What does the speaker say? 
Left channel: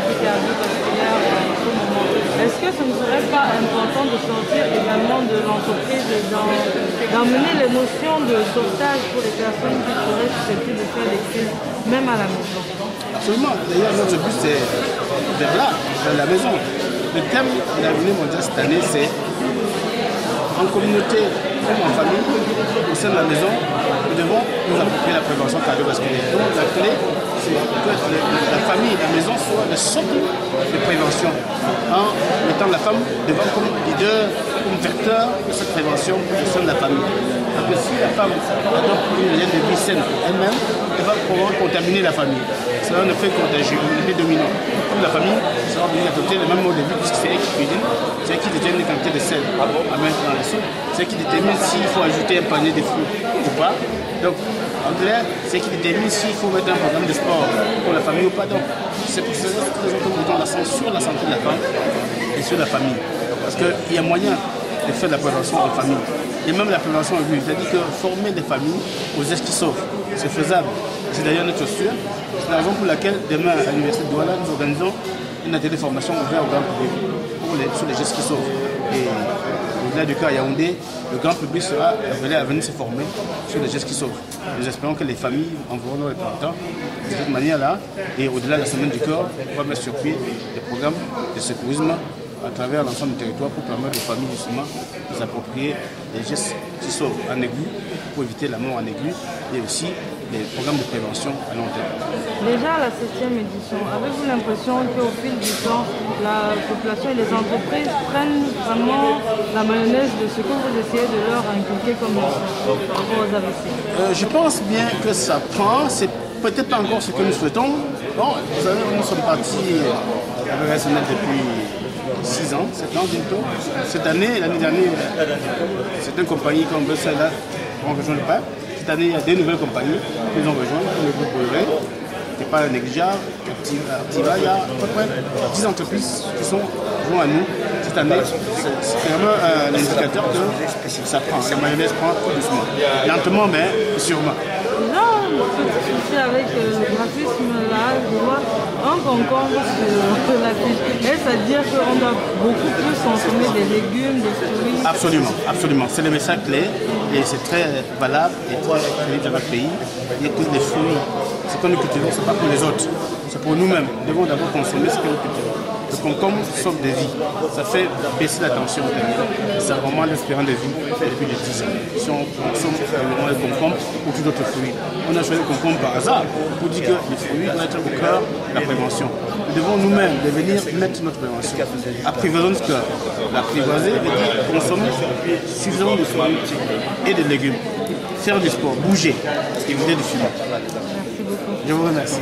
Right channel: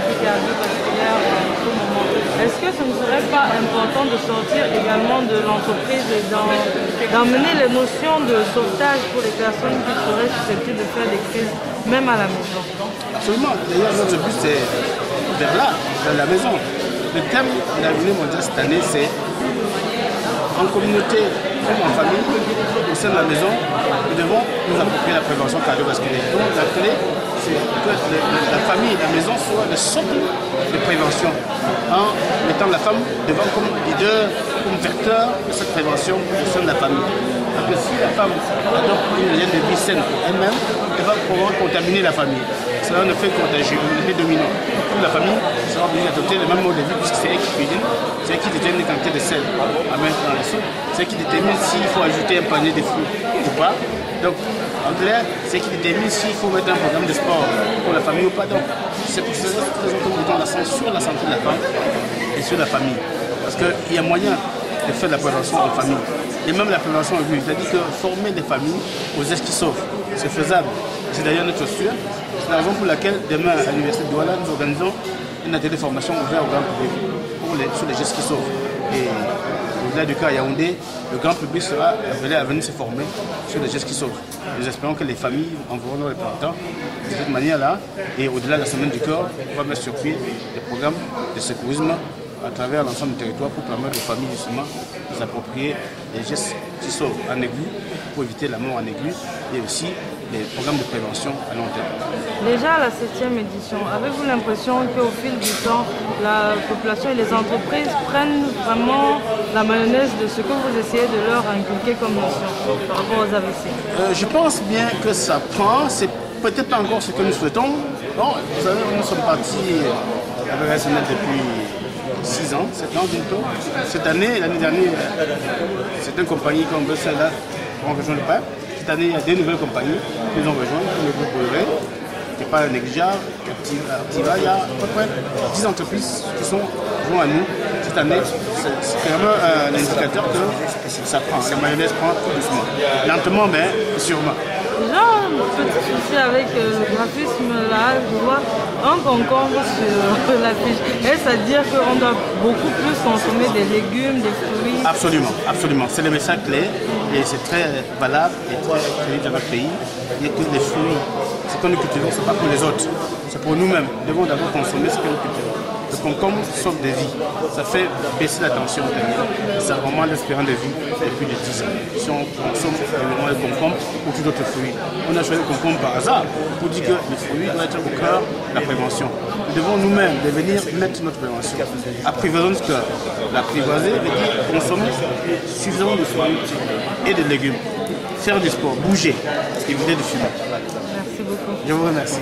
maladie cardiovasculaire en ce moment. Est-ce que ce ne serait pas important de sortir également de l'entreprise et d'emmener les notions de sauvetage pour les personnes qui seraient susceptibles de faire des crises, même à la maison? Absolument. D'ailleurs, notre but, c'est vers là, vers la maison. Le thème de la journée mondiale cette année, c'est en communauté comme en famille, au sein de la maison, nous devons nous approprier la prévention cardiovasculaire. Donc la clé, c'est que la famille et la maison soient le socle de prévention, en mettant la femme devant comme leader, comme vecteur de cette prévention au sein de la famille. Parce que si la femme adopte une hygiène de vie saine pour elle-même, elle va pouvoir contaminer la famille. C'est un effet contagieux, un effet dominant. Toute la famille sera obligée d'adopter le même mode de vie puisque c'est elle qui cuisine, c'est elle qui détermine les quantités de sel à mettre dans la soupe, c'est elle qui détermine s'il faut ajouter un panier de fruits ou pas. Donc, en clair, c'est elle qui détermine s'il faut mettre un programme de sport pour la famille ou pas. Donc, c'est pour ces raisons que nous mettons l'accent sur la santé de la femme et sur la famille. Parce qu'il y a moyen de faire de la prévention en famille. Et même la prévention en ville. C'est-à-dire que former des familles aux gestes qui sauvent, c'est faisable. C'est d'ailleurs notre posture. C'est la raison pour laquelle demain à l'Université de Douala, nous organisons une atelier de formation ouvert au grand public sur les gestes qui sauvent. Et au-delà du cas à Yaoundé, le grand public sera appelé à venir se former sur les gestes qui sauvent. Nous espérons que les familles enverront leurs représentants de cette manière-là. Et au-delà de la semaine du corps, on va mettre sur pied des programmes de secourisme à travers l'ensemble du territoire pour permettre aux familles justement de s'approprier les gestes qui sauvent en aigu pour éviter la mort en aigu et aussi les programmes de prévention à long terme. Déjà à la 7e édition, avez-vous l'impression qu'au fil du temps, la population et les entreprises prennent vraiment la mayonnaise de ce que vous essayez de leur inculquer comme leçon par rapport aux AVC? Je pense bien que ça prend, c'est peut-être pas encore ce que nous souhaitons. Bon, vous savez, nous sommes partis avec SNL depuis 6 ans, 7 ans bientôt. Cette année, l'année dernière, certaines compagnies comme celle-là ont rejoint le PAP. Cette année, il y a 2 nouvelles compagnies qui nous ont rejoints, comme le groupe Bolloré, qui n'est pas négligeable, Activa. Il y a à peu près 10 entreprises qui sont jointes à nous cette année. C'est vraiment un indicateur que ça prend. La mayonnaise prend tout doucement. Lentement, mais sûrement. Déjà, petit souci avec le graphisme là, je vois un concombre sur l'affiche. Est-ce à dire qu'on doit beaucoup plus consommer des légumes, des fruits? Absolument, absolument. C'est le message clé et c'est très valable et très crédible dans notre pays. Il y a que les fruits, ce que nous cultivons, ce n'est pas pour les autres, c'est pour nous-mêmes. Nous devons d'abord consommer ce que nous cultivons. Le concombre sauve des vies. Ça fait baisser la tension artérielle. Ça augmente l'espérance de vie depuis les 10 ans. Si on consomme le concombre ou tout autre fruit. On a choisi le concombre par hasard pour dire que les fruits doivent être au cœur de la prévention. Nous devons nous-mêmes devenir mettre notre prévention. Apprivoisons ce cœur. L'apprivoiser veut dire consommer suffisamment de fruits et de légumes. Faire du sport, bouger, éviter de fumer. Merci beaucoup. Je vous remercie.